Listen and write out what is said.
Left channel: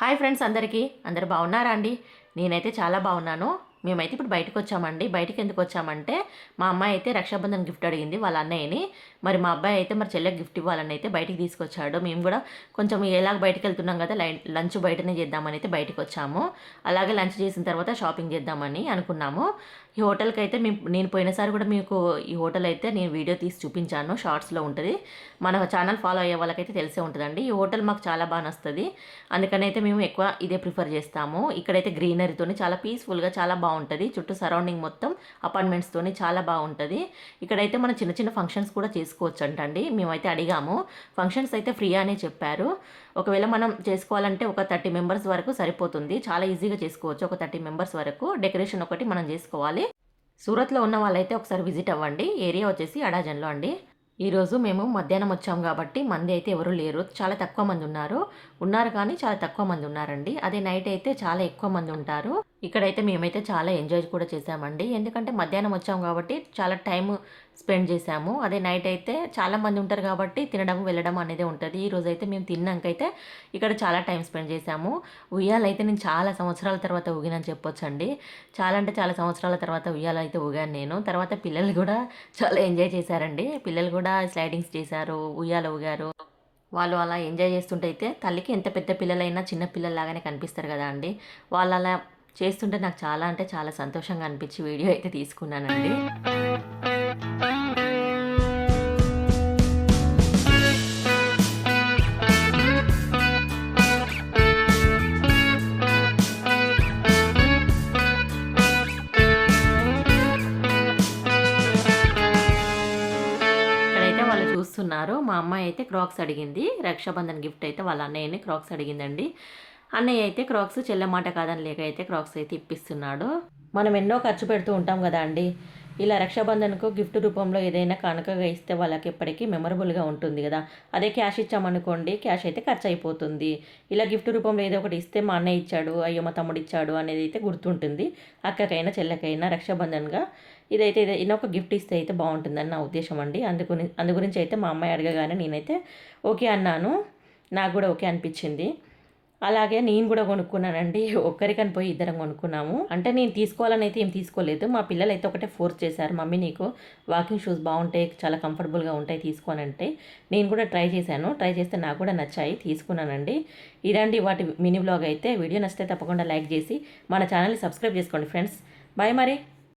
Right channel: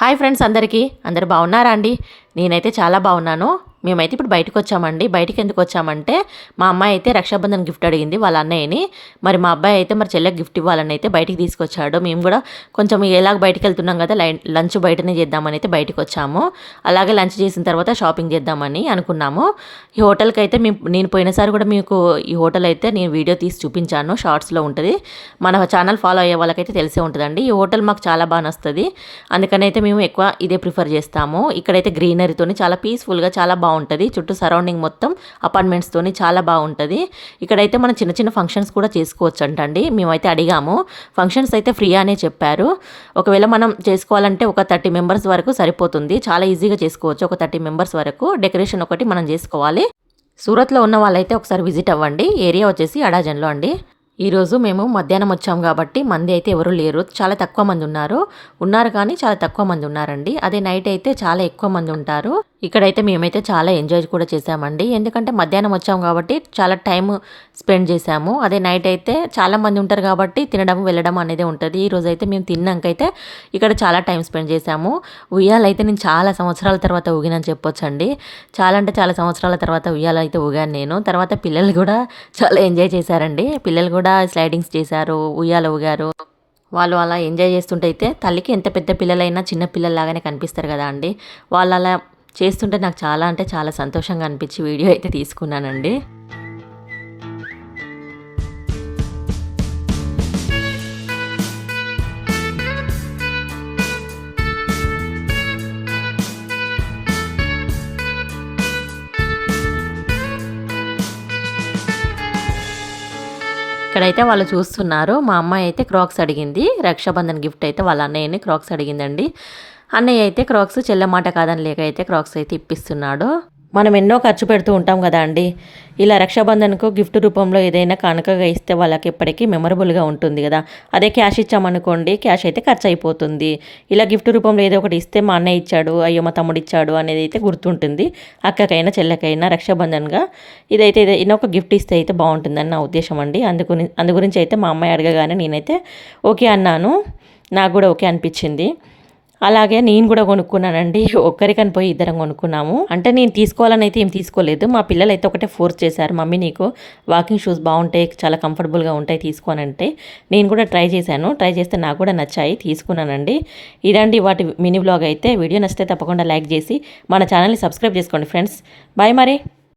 Hi friends, అందరూ బాగున్నారా అండి? నేనైతే చాలా బాగున్నాను. మేమైతే ఇప్పుడు బయటకు వచ్చామండి. బయటికి ఎందుకు వచ్చామంటే మా అమ్మాయి అయితే రక్షాబంధన్ గిఫ్ట్ అడిగింది వాళ్ళ అన్నయ్యని. మరి మా అబ్బాయి అయితే మరి చెల్లెకి గిఫ్ట్ ఇవ్వాలని అయితే బయటికి తీసుకొచ్చాడు. మేము కూడా కొంచెం ఎలాగ బయటికి వెళ్తున్నాం కదా, లంచ్ బయటనే చేద్దామని అయితే బయటకు వచ్చాము. అలాగే లంచ్ చేసిన తర్వాత షాపింగ్ చేద్దామని అనుకున్నాము. ఈ హోటల్కి అయితే నేను పోయినసారి కూడా మీకు ఈ హోటల్ అయితే నేను వీడియో తీసి చూపించాను, షార్ట్స్లో ఉంటుంది. మన ఛానల్ ఫాలో అయ్యే వాళ్ళకైతే తెలిసే ఉంటుందండి. ఈ హోటల్ మాకు చాలా బాగా నస్తుంది. అందుకని అయితే మేము ఎక్కువ ఇదే ప్రిఫర్ చేస్తాము. ఇక్కడైతే గ్రీనరీతోని చాలా పీస్ఫుల్గా చాలా బాగుంటుంది. చుట్టూ సరౌండింగ్ మొత్తం అపార్ట్మెంట్స్తోని చాలా బాగుంటుంది. ఇక్కడైతే మనం చిన్న చిన్న ఫంక్షన్స్ కూడా చేసుకోవచ్చు అంటండి. మేమైతే అడిగాము, ఫంక్షన్స్ అయితే ఫ్రీ అనే చెప్పారు. ఒకవేళ మనం చేసుకోవాలంటే ఒక 30 మెంబర్స్ వరకు సరిపోతుంది. చాలా ఈజీగా చేసుకోవచ్చు. ఒక 30 మెంబర్స్ వరకు డెకరేషన్ ఒకటి మనం చేసుకోవాలి. సూరత్లో ఉన్న వాళ్ళైతే ఒకసారి విజిట్ అవ్వండి. ఏరియా వచ్చేసి అడాజన్లో అండి. ఈరోజు మేము మధ్యాహ్నం వచ్చాము కాబట్టి మంది అయితే ఎవరు లేరు, చాలా తక్కువ మంది ఉన్నారు కానీ చాలా తక్కువ మంది ఉన్నారండి. అదే నైట్ అయితే చాలా ఎక్కువ మంది ఉంటారు. ఇక్కడైతే మేమైతే చాలా ఎంజాయ్ కూడా చేసామండి. ఎందుకంటే మధ్యాహ్నం వచ్చాము కాబట్టి చాలా టైం స్పెండ్ చేసాము. అదే నైట్ అయితే చాలా మంది ఉంటారు కాబట్టి తినడం వెళ్ళడం అనేది ఉంటుంది. ఈరోజు అయితే మేము తిన్నాకైతే ఇక్కడ చాలా టైం స్పెండ్ చేసాము. ఉయ్యాలైతే నేను చాలా సంవత్సరాల తర్వాత ఊగినని చెప్పొచ్చండి. చాలా అంటే చాలా సంవత్సరాల తర్వాత ఉయ్యాలైతే ఊగాను నేను. తర్వాత పిల్లలు కూడా చాలా ఎంజాయ్ చేశారండి. పిల్లలు కూడా స్లైడింగ్స్ చేశారు, ఉయ్యాల ఊగారు. వాళ్ళు అలా ఎంజాయ్ చేస్తుంటే అయితే తల్లికి ఎంత పెద్ద పిల్లలైనా చిన్న పిల్లల్లాగానే కనిపిస్తారు కదా అండి. వాళ్ళు అలా చేస్తుంటే నాకు చాలా అంటే చాలా సంతోషంగా అనిపించి వీడియో అయితే తీసుకున్నానండి. ఇక్కడైతే వాళ్ళు చూస్తున్నారు. మా అమ్మాయి అయితే క్రాక్స్ అడిగింది. రక్షాబంధన్ గిఫ్ట్ అయితే వాళ్ళ అన్నయ్యని క్రాక్స్ అడిగిందండి. అన్నయ్య అయితే క్రాక్స్ చెల్లెమాట కాదని లేక అయితే క్రాక్స్ అయితే ఇప్పిస్తున్నాడు. మనం ఎన్నో ఖర్చు పెడుతూ ఉంటాం కదా అండి. ఇలా రక్షాబంధన్కు గిఫ్ట్ రూపంలో ఏదైనా కానుకగా ఇస్తే వాళ్ళకి ఎప్పటికీ మెమరబుల్గా ఉంటుంది కదా. అదే క్యాష్ ఇచ్చామనుకోండి, క్యాష్ అయితే ఖర్చు అయిపోతుంది. ఇలా గిఫ్ట్ రూపంలో ఏదో ఒకటి ఇస్తే మా అన్నయ్య ఇచ్చాడు, అయ్యో మా తమ్ముడు ఇచ్చాడు అనేది అయితే గుర్తుంటుంది. అక్కకైనా చెల్లెకైనా రక్షాబంధన్గా ఇదైతే ఒక గిఫ్ట్ ఇస్తే అయితే బాగుంటుందని నా ఉద్దేశం అండి. అందు గురించి అయితే మా అమ్మాయి అడగగానే నేనైతే ఓకే అన్నాను. నాకు కూడా ఓకే అనిపించింది. అలాగే నేను కూడా కొనుక్కున్నానండి. ఒక్కరికని పోయి ఇద్దరం కొనుక్కున్నాము. అంటే నేను తీసుకోవాలని అయితే ఏం తీసుకోలేదు. మా పిల్లలు అయితే ఒకటే ఫోర్స్ చేశారు, మమ్మీ నీకు వాకింగ్ షూస్ బాగుంటాయి, చాలా కంఫర్టబుల్గా ఉంటాయి తీసుకోనంటే. నేను కూడా ట్రై చేశాను. ట్రై చేస్తే నాకు కూడా నచ్చాయి, తీసుకున్నానండి. ఇదండి వాటి మినీ బ్లాగ్ అయితే. వీడియో నచ్చితే తప్పకుండా లైక్ చేసి మన ఛానల్ని సబ్స్క్రైబ్ చేసుకోండి ఫ్రెండ్స్. బాయ్ మరి.